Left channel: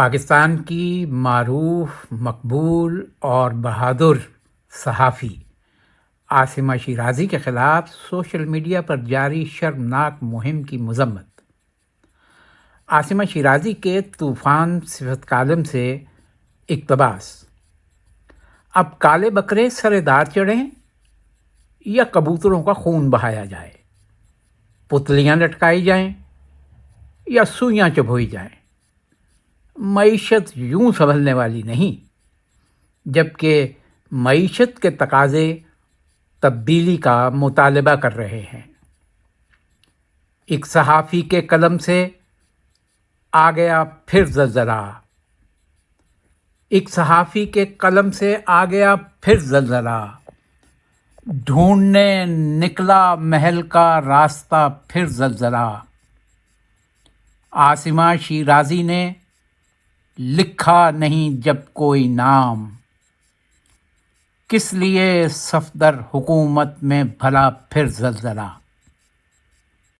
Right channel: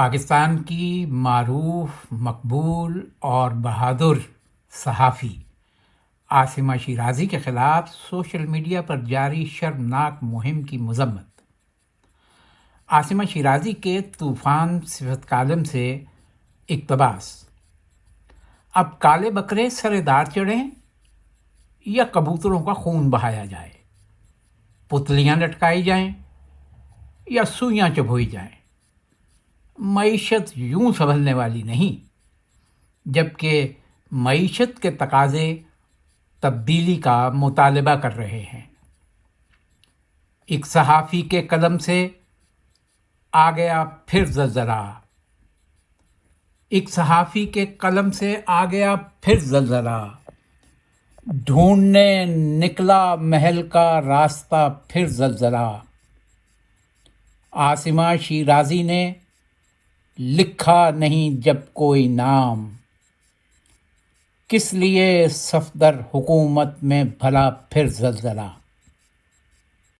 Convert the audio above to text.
پاکستان کی معروف، مقبول اور بہادر صحافی عاصمہ شیرازی کے خلاف سوشل میڈیا پر جاری شرمناک مہم کی مذمت۔ عاصمہ شیرازی کے طوفان صفت کالم سے اقتباس: اب کالے بکرے سر دار چڑھیں یا کبوتروں کا خون بہایا جائے، پتلیاں لٹکائی جائیں یا سوئیاں چبھوئی جائیں، معیشت یوں سنبھلنے والی نہیں، جبکہ معیشت کے تقاضے تبدیلی کا مطالبہ کر رہے ہیں۔ ایک صحافی کے قلم سے آ گیا پھر زلزلہ، ایک صحافی کے قلم سے آ گیا پھر زلزلہ، ڈھونڈنے نکلا محل کا راستہ پھر زلزلہ۔ عاصمہ شیرازی نے لکھا نہیں جب کوئی نام، کس لیے صفدر حکومت میں بھلا پھر زلزلہ۔